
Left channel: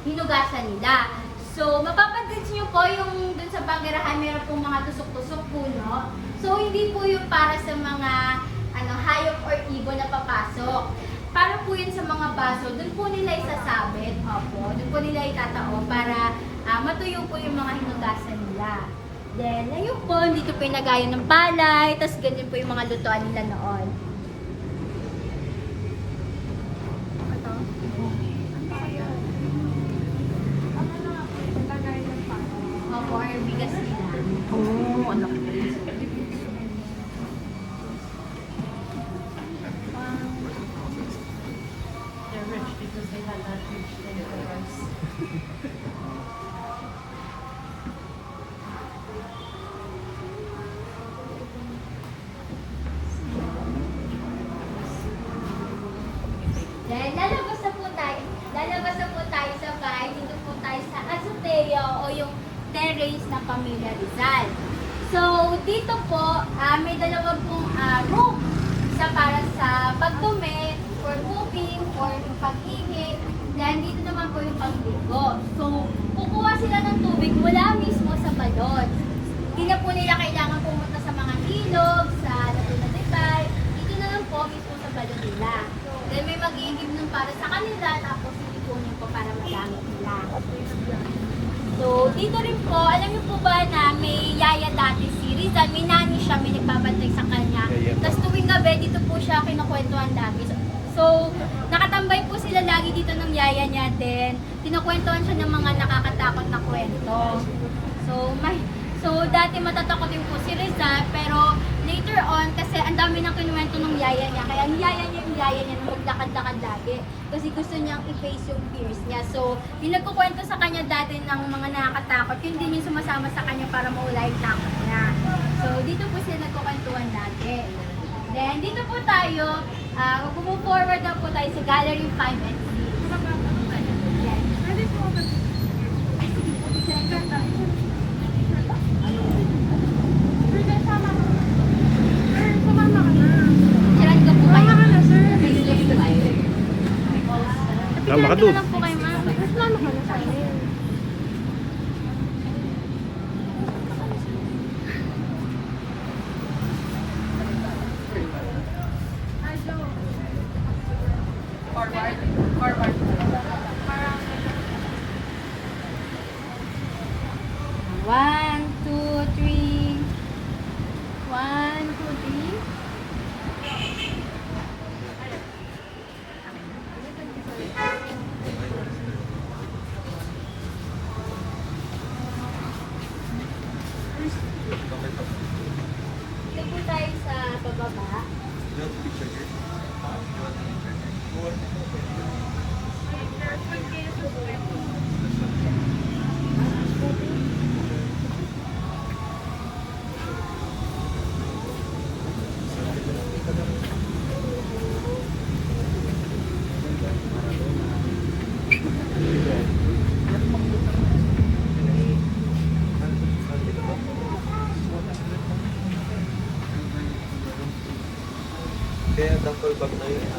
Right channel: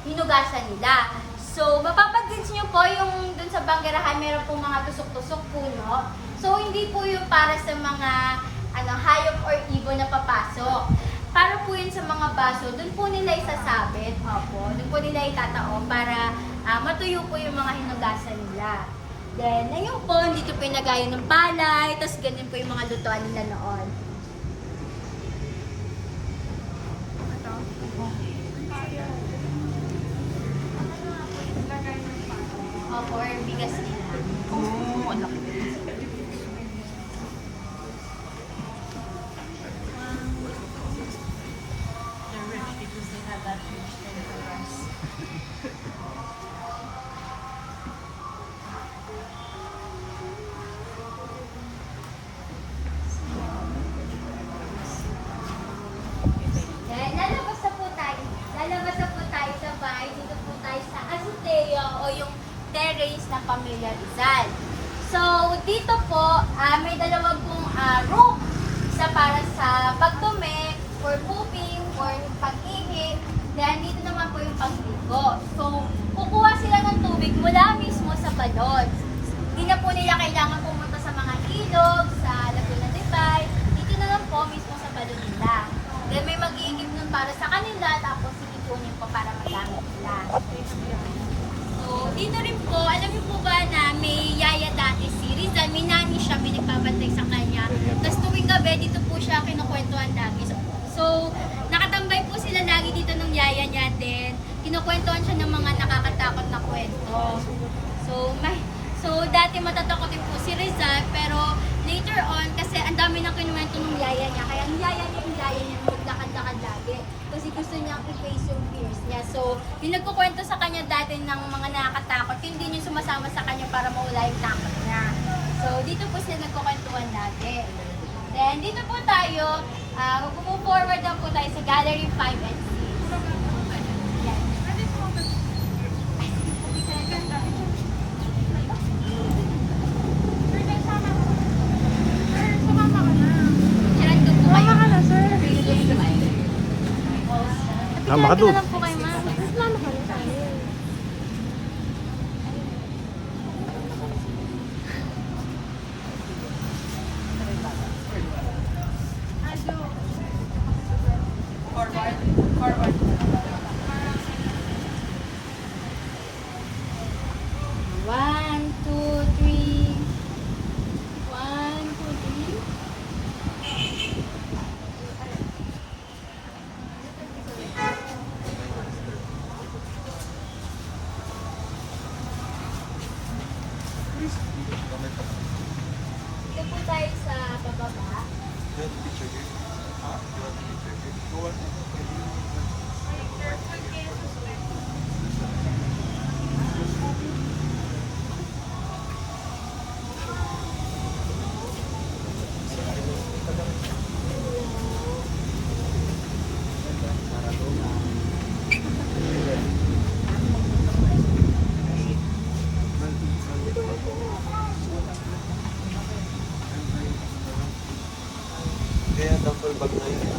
hinugasan nila. So, mapapansin niyo po yung dun sa banggerahan, meron po mga tusok-tusok puno. So, hindi po yung para sa mga hayop or ibon na papasok. Para po yun sa mga baso, dun po nila isasabit. Dun po nila itatao para matuyo po yung mga hinugasan nila. Then, ngayon po, dito po yung nagayon ng palay, tapos ganun po yung mga lutuan nila noon. Ito? Opo, or bigas nila. Oo, anak. Because they had that huge temperatures. Then, lalabas na po tayo sa bahay. Dito po tayo sa azotea o yung terrace na Pamilya Rizal. So, dito po, may dalawang pong room. Isa para sa pagdumi, for for cooking, for paghihi. Then dito naman po yung pagligo. So, kukuha sila ng tubig mula mismo sa balon. Hindi na po nila kailangan pumunta sa mga ilog, sa Laguna de Bay. Dito na lang po mismo sa balon nila. Then may mag-iigib nun para sa kanila, tapos iipunin po para magamit nila. So, dito rin po, alam niyo po ba na may yaya dati si Rizal, may nani siya, may nagbabantay sa kanya. Tapos tuwing gabi, dito po siya kinukwentuhan lagi. So, nakatambay po sila lagi dito ng yaya niya din. Kinukwentuhan siya ng mga nakakatakot na kwento. So, dati matatakotin po si Rizal, pero later on, kasi ang dami na kinuwento ng yaya niya, kaya ang yaya niya maglakad-lakad lagi. Kasi gusto niyang i-face yung fears niya. So, yung nagkukwento sa kanya dati ng mga nakakatakot, hindi niya sumasama sa kanya para mawala yung takot niya. So, dito po sila nagkukwentuhan dati. Then, dito po tayo, mag-move forward na po tayo sa Gallery 5 and 6. Pwede po ako. Pwede sama ko. Sir, sumama ka na. Shared ko po kayo. Tama ka doon. One, two, three. One, two, three. Dito tayo sa pababa. Kaya duffel bag na yun.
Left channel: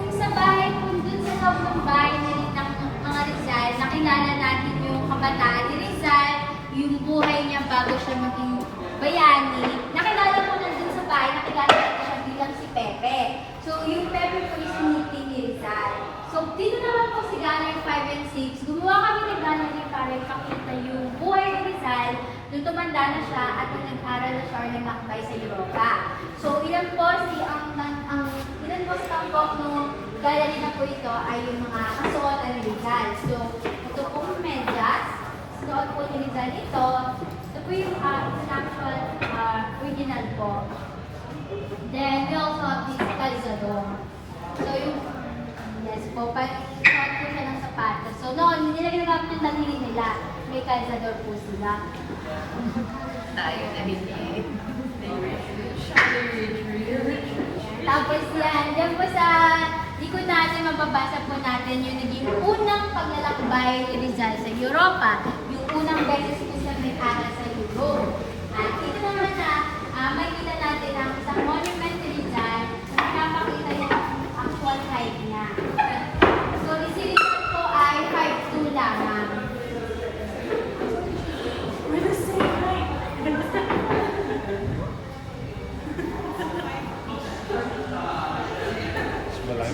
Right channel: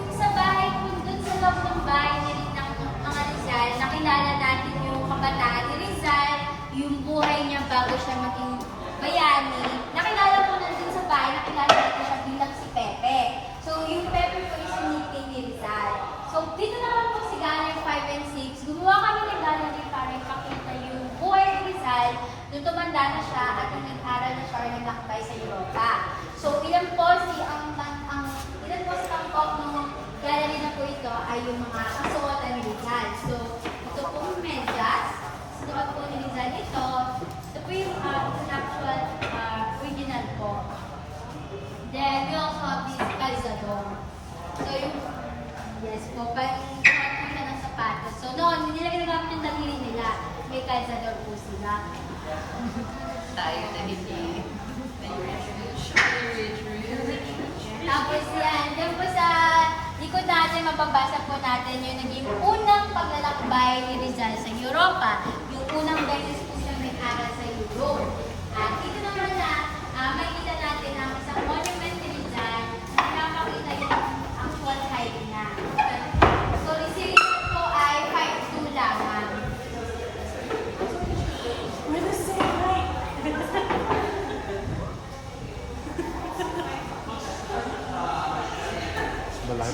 Kung sa bahay, kung dun sa loob ng bahay na rin ng mga Rizal, nakilala natin yung kabataan ni Rizal, yung buhay niya bago siya maging bayani. Nakilala mo na dun sa bahay, nakilala natin siya bilang si Pepe. So, yung Pepe po yung sinuti ni Rizal. So, dito naman po si Gallery 5 and 6, gumawa kami ng gallery para ipakita yung buhay ni Rizal nung tumanda na siya at nung nag-aral na siya or nag-lakbay sa Europa. So, ilan po sa tampok ng gallery na po ito ay yung mga kasuotan ni Rizal. So, ito pong medyas, suot po ni Rizal ito. Ito po yung actual original po. Then, we also have this calzador. So, yung, yes po, parang suot po siya ng sapatos. So, noon, hindi nila ginagamit yung daliri nila. May calzador po sila. Tayo na rin. Tapos yan po sa likod natin, mababasa po natin yung naging unang paglalakbay ni Rizal sa Europa. Yung unang beses po siya nag-aral sa Europe. At ito naman na, makikita natin ang isang monument ni Rizal na napakita yung actual height niya. So, si Rizal po ay 5'2 lamang. Malaki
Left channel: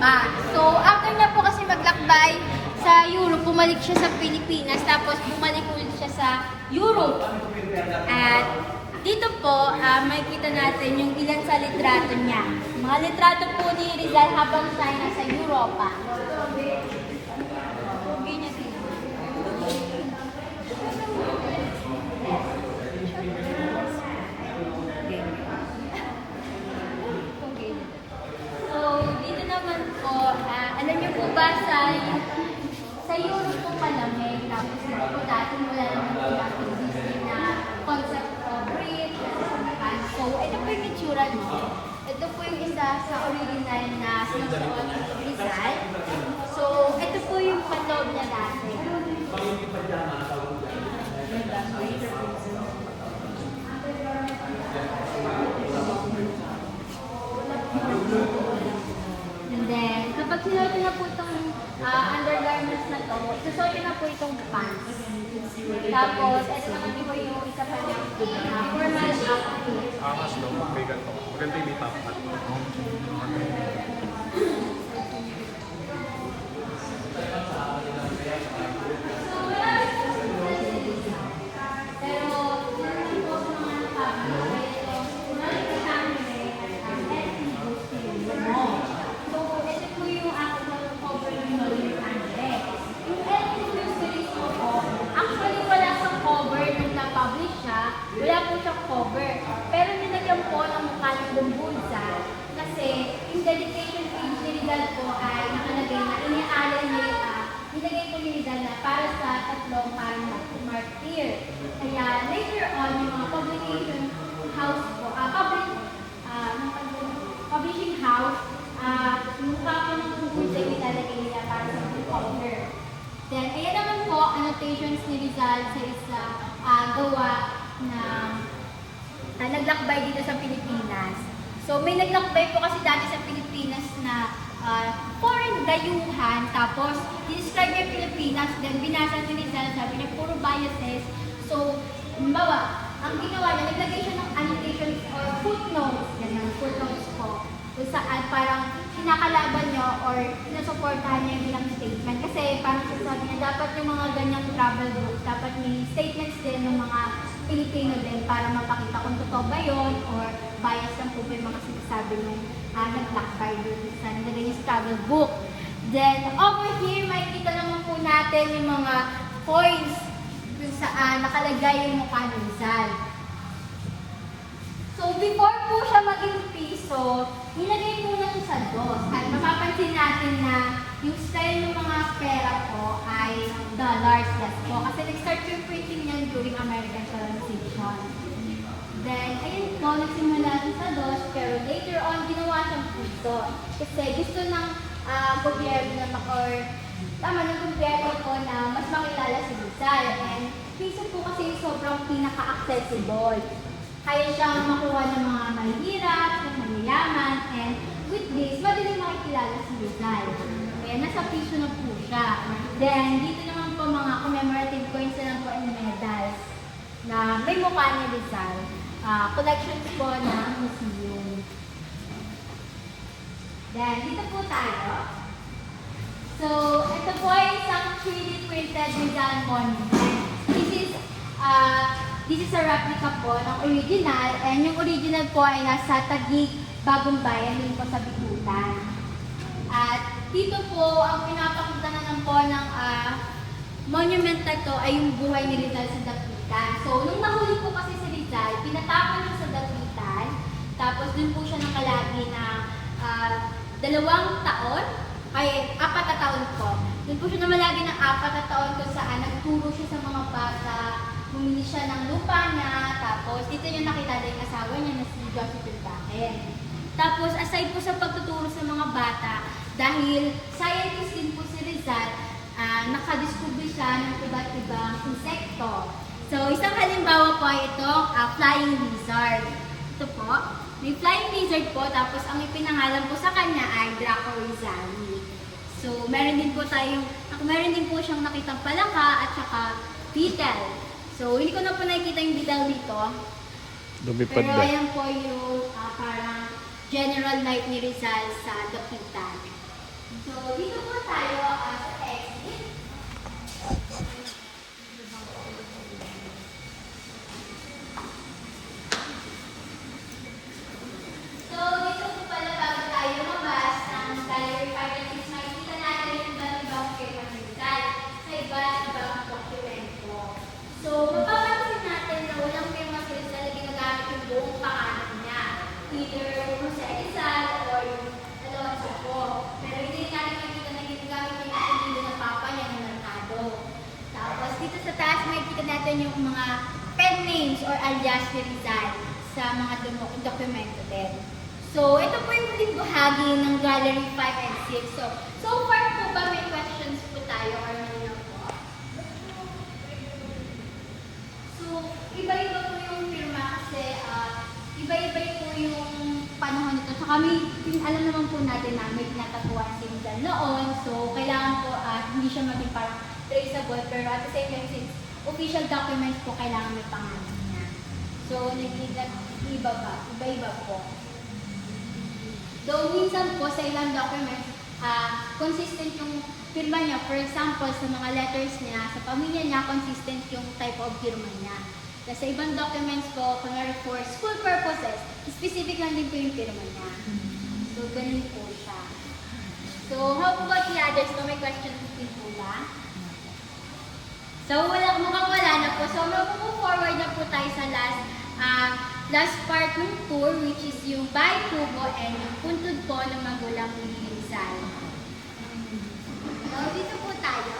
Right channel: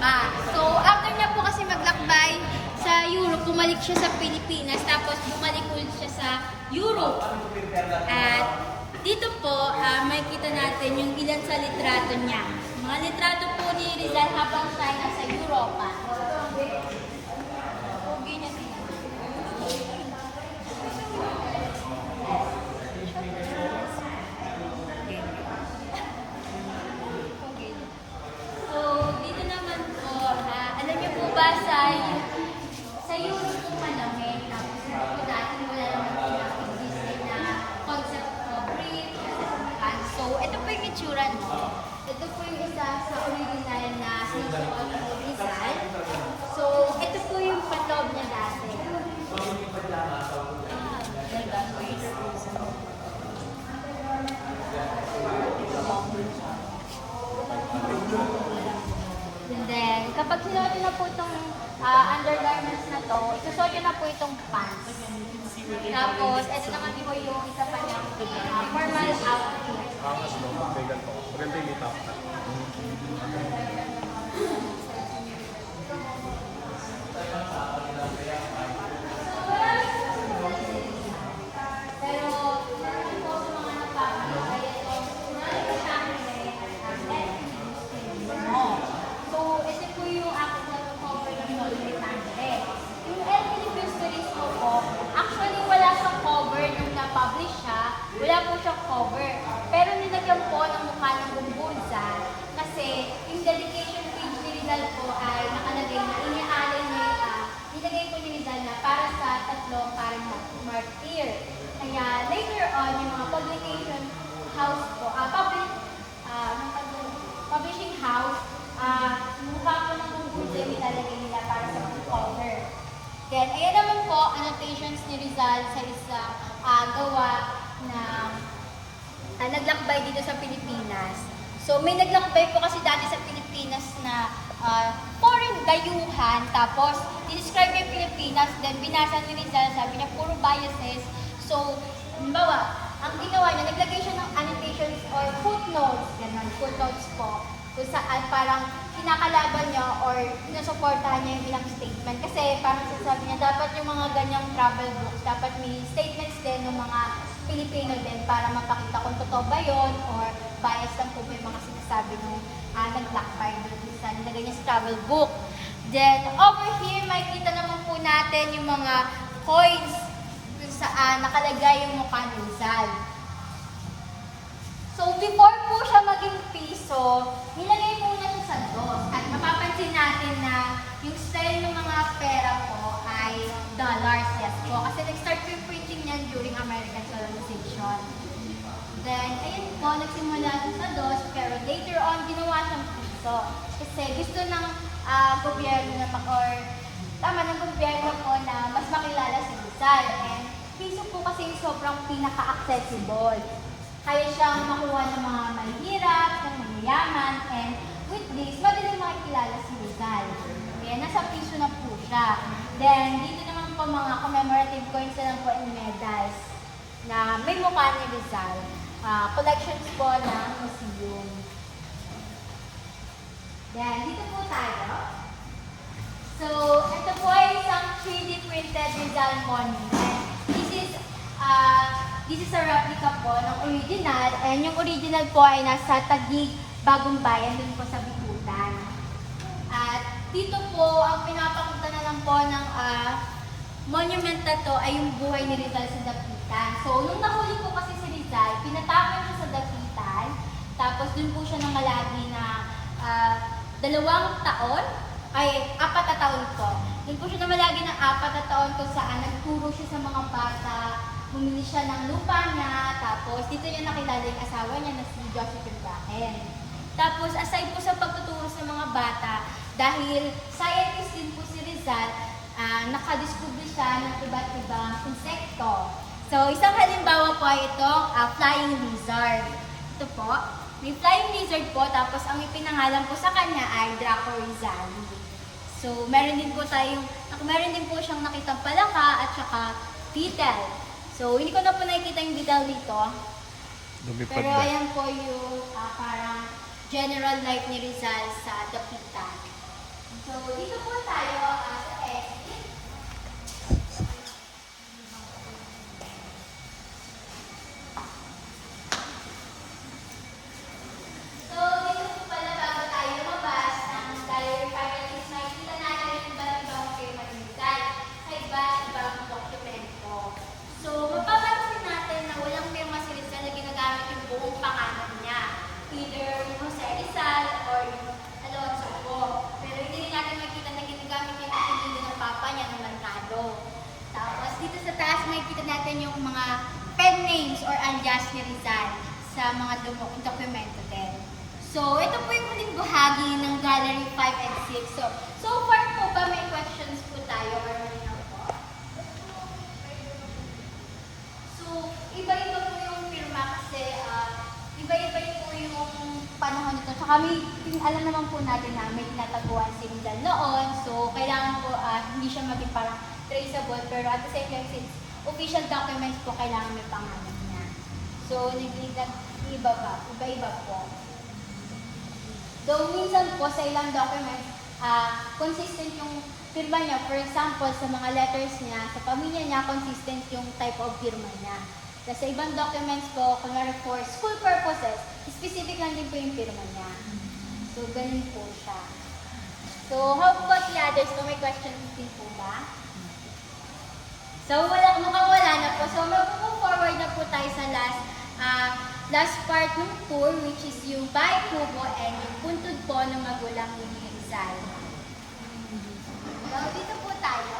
Europa. So, after niya po kasi maglakbay sa Europe, bumalik siya sa Pilipinas, tapos bumalik ulit siya sa Europe. At dito po, makikita natin yung ilan sa litrato niya. Mga litrato po ni Rizal habang siya ay nasa Europa. So, dito naman po, alam niyo po ba sa Europe po palamig, tapos dito po natin wala naman pinapag-display na concept of breed. So, ito po yung itsura niyo. Ito po yung isa sa original na Rizal. So, ito po yung loob na natin. And then, kapag sinuot na po itong undergarments na to, susuot na po itong pants. Tapos, ito naman po yung isa pa niyang formal outfit. Pero, hindi po ako mga napapagay ito. Kunwari ka sa amin So, ito po yung aking cover ng Noel Andre. Yung Elton Series po, actually wala siyang cover nung na-publish siya. Wala po siyang cover. Pero nilagyan po ng mukha ng Bumbunsa kasi yung dedication page ni Rizal po ay nakalagay na inaalay niya nilagay po ni Rizal na para sa tatlong parang martyr. Kaya later on, yung mga publication house po, publishing house, mukha po ng Bumbunsa yung ilalagay nila para sa cover. Then, ayan naman po, annotations ni Rizal sa isang gawa na naglakbay dito sa Pilipinas. So, may naglakbay po kasi dati sa Pilipinas na foreign dayuhan, tapos dinescribe yung Pilipinas, then binasa ni Rizal, sabi niya, puro biases. So, halimbawa, ang ginawa niya, naglagay siya ng annotations or footnotes, ganyan, footnotes po, kung saan parang kinakalaban niya or sinusuportahan niya yung bilang statement. Kasi parang sabi niya, dapat yung mga ganyang travel books, dapat may statements din ng mga Pilipino din para mapakita kung totoo ba yun or bias lang po ba yung mga sinasabi ng naglakbay dito sa nilagay niya sa travel book. Then, over here, makikita naman po natin yung mga coins kung saan nakalagay yung mukha ni Rizal. So, before po siya maging piso, nilagay po na siya sa dos. At mapapansin natin na yung style ng mga pera po ay dollars, yes po. Kasi nag-start yung printing niyan during American colonization. Then, ayun po, nagsimula siya sa dos, pero later on, ginawa siyang piso. Kasi gusto ng gobyerno na ng gobyerno po na mas makilala si Rizal. And piso po kasi sobrang pinaka-accessible. Kaya siyang makuha ng mga mahirap, ng mayayaman, and with this, madaling makikilala si Rizal. Kaya nasa piso na po siya. Then, dito naman po mga commemorative coins na lang po and medals na may mukha ni Rizal. Collections po ng museum. Then, dito po tayo. So, ito po ay isang 3D printed Rizal monument. This is a replica po ng original, and yung original po ay nasa Taguig, Bagong Bayan, yun po sa Bikutan. At dito po, ang pinapakita na lang po ng monument na to ay yung buhay ni Rizal sa Dapitan. So, nung nahuli po kasi si Rizal, pinatapon siya sa Dapitan, tapos dun po siya nakalagi na 2 taon, ay 4 na taon po. Dun po siya namalagi ng 4 na taon kung saan nagturo siya sa mga bata, bumili siya ng lupa niya, tapos dito niya nakilala yung asawa niya na si Joseph Bahen. Tapos aside po sa pagtuturo sa mga bata, dahil scientist din po si Rizal, nakadiscover siya ng iba't ibang insekto. So isang halimbawa po ay ito, flying lizard. Ito po, may flying lizard po, tapos ang ipinangalan po sa kanya ay Draco Rizali. So meron din po siyang nakitang palaka at saka beetle. So, hindi ko na po nakikita yung detail dito. Lumipad Pero na. ayan po yung parang general life ni Rizal sa Dapitan. So, dito po tayo at exit. So, dito po pala bago tayo lumabas ng gallery packages, makikita natin yung iba't ibang paper design sa iba-ibang dokumento. So, mapapansin natin na walang firma si Rizal na ginagamit yung buong pangalan niya. Either Jose Rizal or yung Alonso po. Pero hindi rin natin makikita na ginagamit yung apelido ng papa niya ng Mercado. Tapos dito sa taas makikita natin yung mga pen names or alias ni Rizal sa mga dokumento din. So, ito po yung muling bahagi ng Gallery 5 and 6. So far po ba may questions po tayo or meron po? So, iba-iba po yung firma kasi iba-iba po yung panahon nito. Tsaka alam naman po natin na may tinataguan si Rizal noon. So, kailangan po hindi siya maging parang traceable. Pero at the same time, since official documents po, kailangan may pangalan niya. So, iba-iba po. Though minsan po sa ilang documents, consistent yung firma niya. For example, sa mga letters niya, sa pamilya niya, consistent yung type of firma niya. Kasi sa ibang documents po, kunwari for school purposes, specific lang din po yung firma niya. So, ganun po siya. So, how about the others? Kung may question din po ba? So, mukhang wala na po. So, mag-move forward na po tayo sa last part ng tour, which is yung Bay Kubo and yung puntod po ng magulang ni Rizal. So, dito po tayo.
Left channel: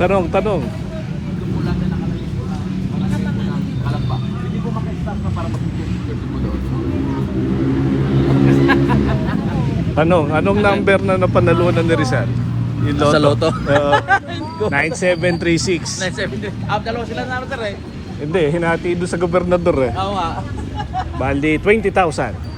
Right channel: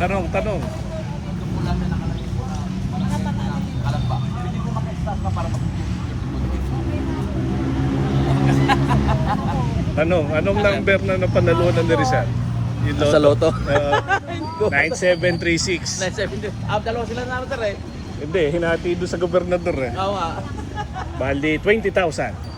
Tanong. Tanong, anong number na napanalunan ni Rizal? Ito, Sa loto? 9736. Dalawa sila na ano, Hindi, hinati doon sa gobernador eh. Tama. Bali, 20,000.